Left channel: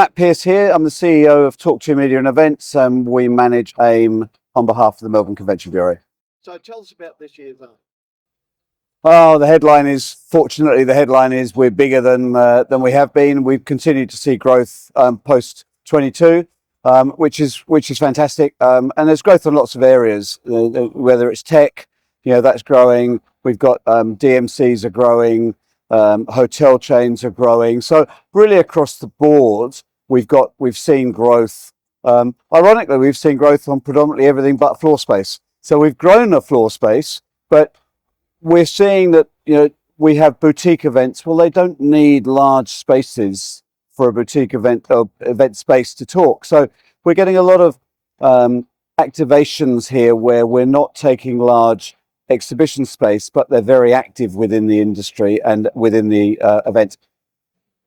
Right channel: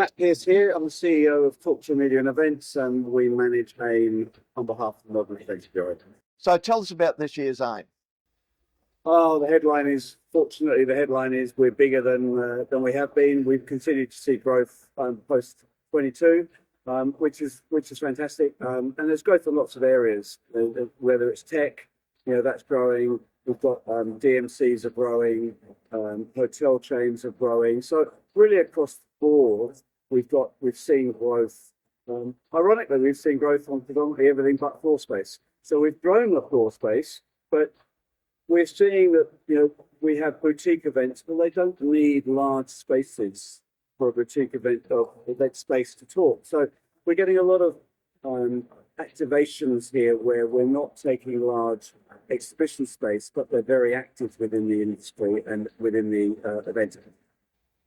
Matt Pearce here. I'm the CEO of Talk2media and Events, and we manage AIME on behalf of the Melbourne Convention Bureau. So tell us about this year's AIME. Oh, fortunately, the headline is we're bigger than we have been. We've continued to see growth post 22, which is fantastic. And there's growth in lots of areas, whether it's tech, that's growing. We've got DMCs are growing, hotel chains are growing. So really across the board, we've seen growth. Ironically, we've seen growth on predominantly everything but floor space. So we've grown the floor space, but we're seeing that, we have boutique events. Well, they don't need large spaces for a boutique event space to talk. So we're getting a lot of activations here where we're not taking large exhibition space, but they're very active within the industry and within the event.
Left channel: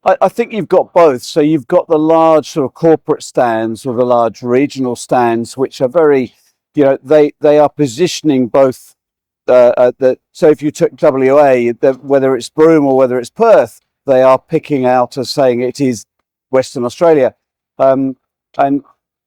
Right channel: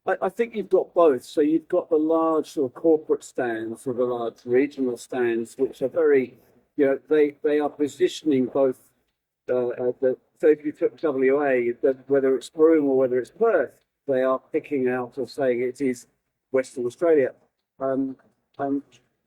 I think you've got both. So you've got the large sort of corporate stands or the large regional stands, which are very, they are positioning both. So if you took WA, whether it's Broome or whether it's Perth, they are picking out as saying it is Western Australia. And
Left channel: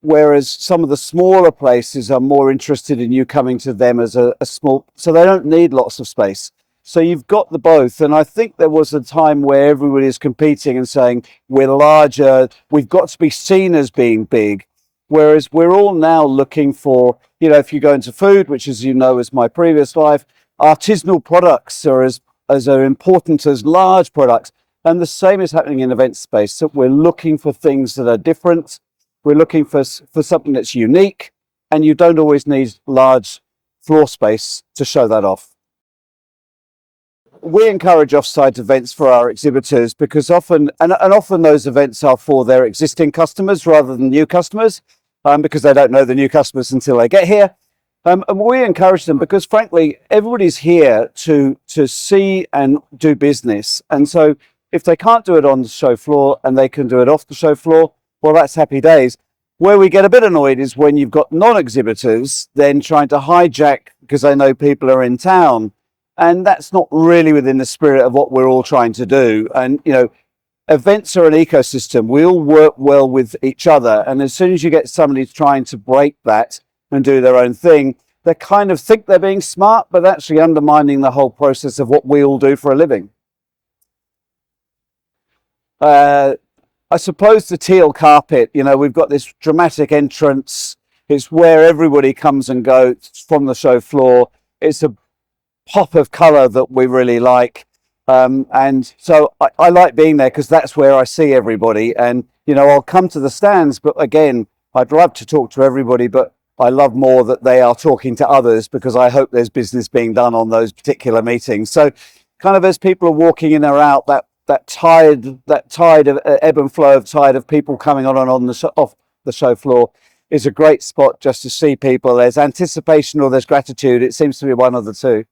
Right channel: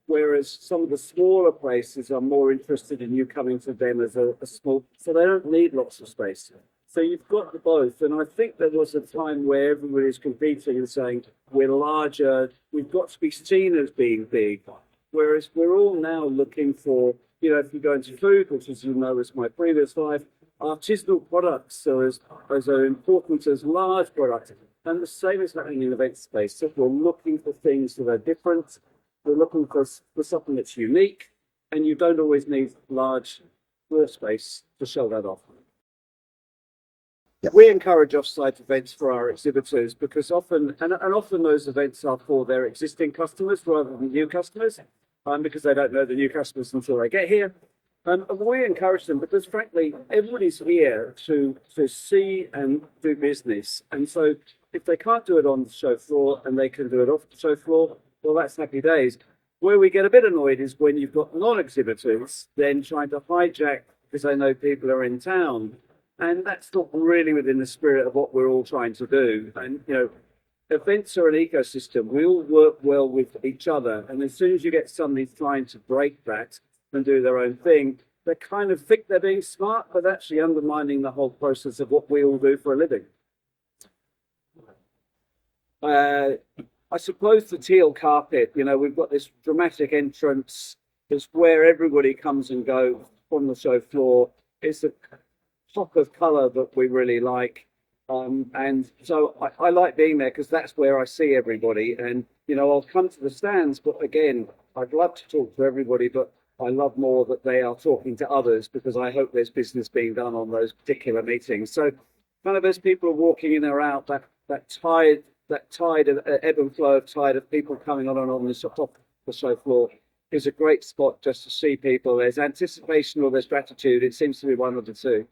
whereas some of the smaller places are more interested in you coming to them as a small, so they don't need lots of space. So you've got the both. And I think there was a time where everybody is competing and saying, we're larger, we've got to be seen as being big. Whereas we're all now looking for, if you go into food, which as you know is my previous life, artisanal products are as important as large products. And the same is happening in event space. So we're looking for things that are different. We're looking for something that's unique, and you don't always need large floor space to show that off. We encourage off-site events for our exhibitors because often those events are for their existing customers rather than new customers, because they don't know the new customers until they get here. And we encourage them because, frankly, everybody's here to see and do business. And so if they can't do it on the show floor and they can do it off the show floor, well, that's happy days. Where we get a bit annoyed is when you've got non-exhibitors then trying to hijack because they know people are in town. And that's not really within the spirit of what we're all trying to do. And, events are an ecosystem. We all work well with each other. And as soon as you get somebody trying to break that and do their own thing, they kind of think they're being smart, but actually undermining the whole process of what we all do for a living. I suppose the teal carpet, we've got this dramatic entrance. It's where everybody comes and goes from the show floor. It's a pop of color that we really like. And so I like being there because that's where I see everybody. And, I'll come to the stands, but again, I'd love to talk to everybody, but I love more that they are talking to others because I hope there's business being done on those particular meetings. So kind of as people are walking in or out, that tide of ebb and flow of tide of people coming on and off the show floor is a great spot just to see people. There's anticipation or there's gratitude. It seems to be one of the two.